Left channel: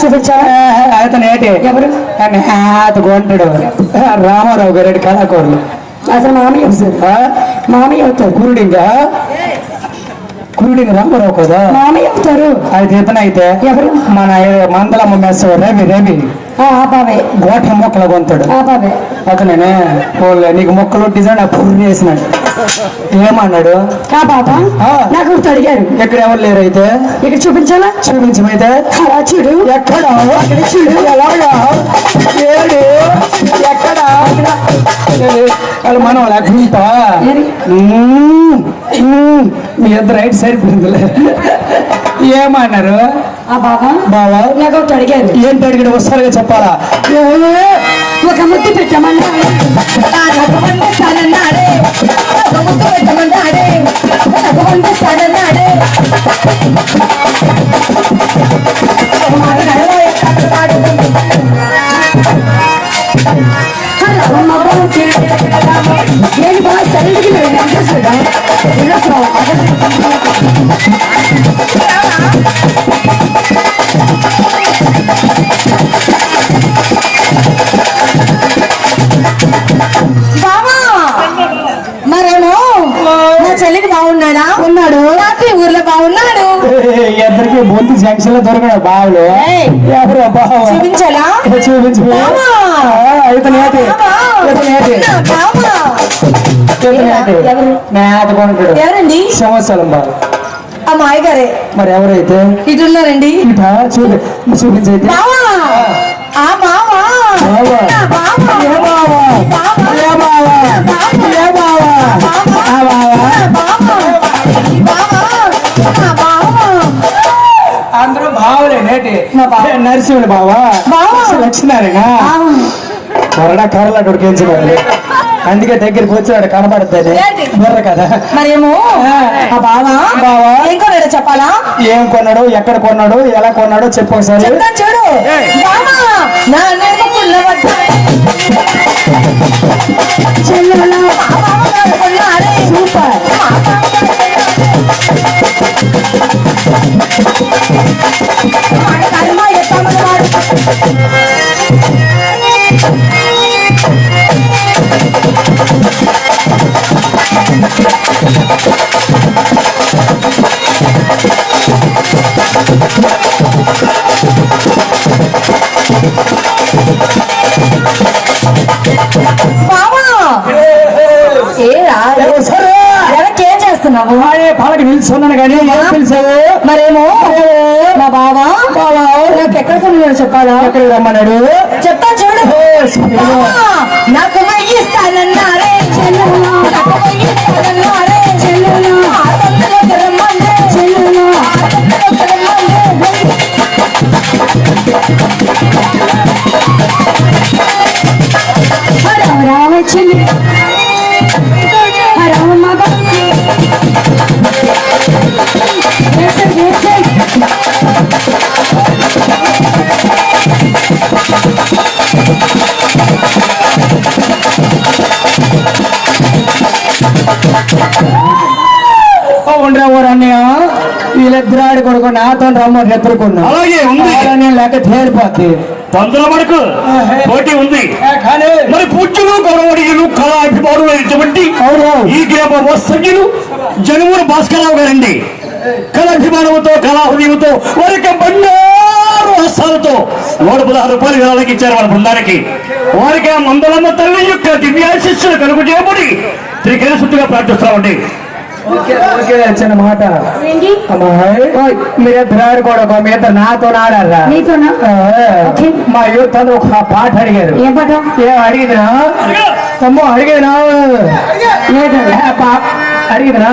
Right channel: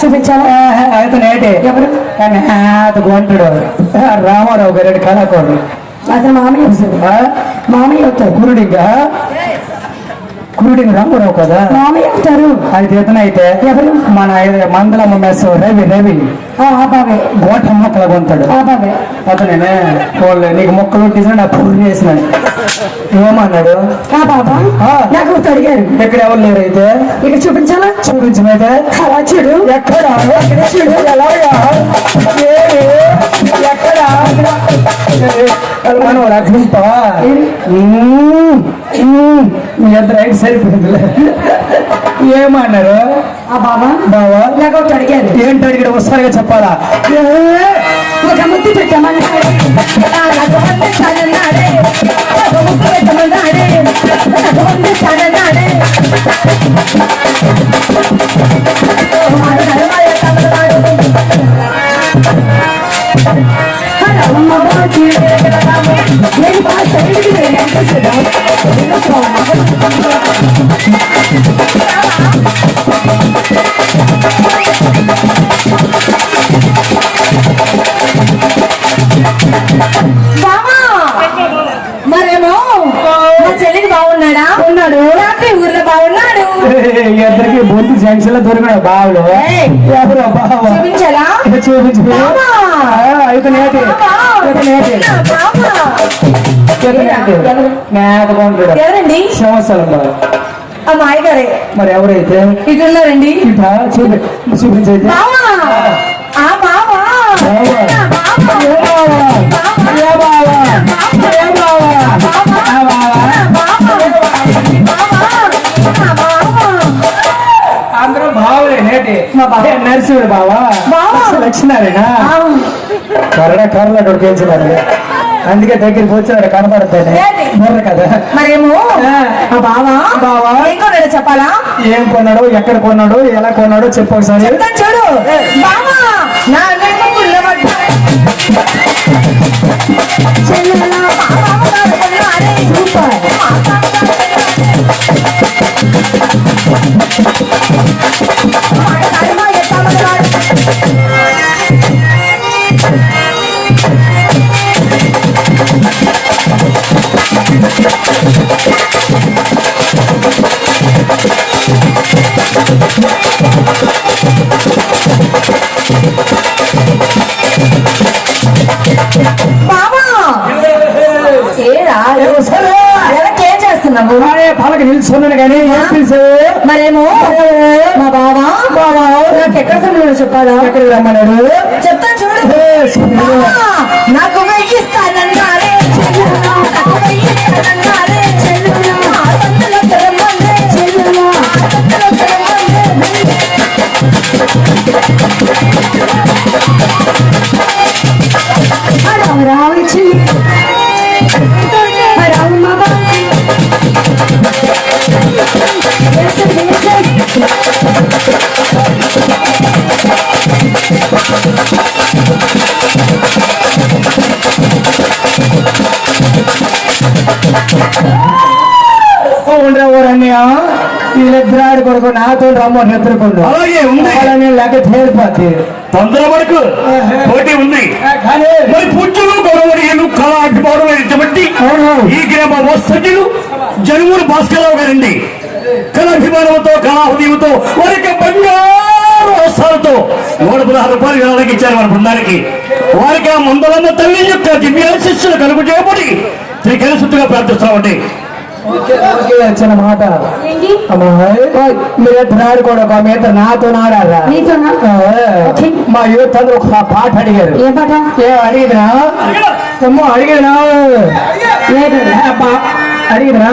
చూపించాలా? అతను ఏంటి ఎవరు? కొంటాడు రామారావు గారి కళాకోరు. అతను మామయ్య అవుతారు. కురుడింగ రామారావు కదా మామయ్య అవుతారు. అయితే ఇతను అయితే ఎవరు? మన మంగళమ్మ మెస్ రవి బాబాయ్ గోట మొక్కలు కొంటాడు. బాబాయ్ అతనే వాళ్ళు నీకు మొక్కలు డిజైన్ పురుగు చేసినాడు. ఏమన్నాడు? బాబా నాకు అడిగారు. ఎక్కడ ఎవరు లేరు అయితే ఇక్కడ చూపించాలా? చూపించమైతే అలా చూడు. ఎక్కడ చూడు. ఎలాగా ఎక్కడ మన వాళ్ళ గుంప మీ ఇద్దరు రైట్ సరిపోయింది. ఏమన్నారు? బావా నాకు అడిగారు. ఏంటి అడిగాడు? ఒకసారిగా చెప్పాలా? ఒక ముద్దు పెట్టమన్నాడు. మరేమో మా చెల్లికి బాగున్నాడా? ఉన్నాడు. నాకు ఊర్లో బాగున్నాడు. ఇద్దరికి బొంది జంక్షన్ లో దొరకడు బావులు. ఎవరు బావ? చూపించాలా? చూపించు. ఎవరండి? సంవత్సరం బాగా అమ్మాయి గారే. మరి ఎవరైతే ఇటున్నారండి. చూపించైతే అందరూ బావలే నేటి నరసింహుడు బావా లక్ష్మీనారాయణ కరడ కర్రలు అక్కడ పెంచినారు. అందుకే దగ్గరికి వచ్చాడు కనపడతాడు బుర్ర కదా. మరేమో బావా చెప్పాలా? ఏం కొన్నాడు, ఎక్కడ కొన్నాడు, ఎలా కొన్నాడో చెప్పు ఒకసారి. చూడు ఎవరికేం చేస్తున్నావు? పాలకి నిల్చున్నాను కానీ మరేమో మా బావా నాకు ఎక్కడ కొన్నాడో చెప్పాలా? ఎక్కడ రమ్మన్నాడు? చెప్తాను చూడు. నాకు వెయ్యిస్తానన్నారే నాకు వెయ్యిస్తానన్నారే రావచ్చింది. ఉండరా ఊరన్నయ్య వీళ్ళిద్దరు కొడుకు నాతో రమ్మ ఎదుర్కొన్నా. అలాగే ఉంది లేక తేలిపోద్ది. పందుల వరకు పోటీ ఉంది. మరి పూజ్యులు గౌరవనీయులు కళా అభిమానులైనటువంటి ఈ గ్రామ వస్తజ్ఞులు జగమూరు భాస్కరరావు గారండి. కళాభిమానంతో కళా హృదయంతో వారికి బంగారు హస్తాలతో 116 రూపాయలు వేలానికి ఇచ్చారు మన బృందానికి. వారికి ఆ మందలన్న తల్లి యొక్క దివ్యాశిస్సులు కలుగు చేయబడి శ్రీకరశుద్ధిగా ప్రార్థిస్తామండి. చిన్న మాట మీరిద్దరు కూడా మీద నాతో నాడాలా? మా యూత్ అందరూ ఒక పాట అడిగారు. ఏ పాట? అడిగిదరా తమ్ము? అడిగేనా? అడిగిదరా?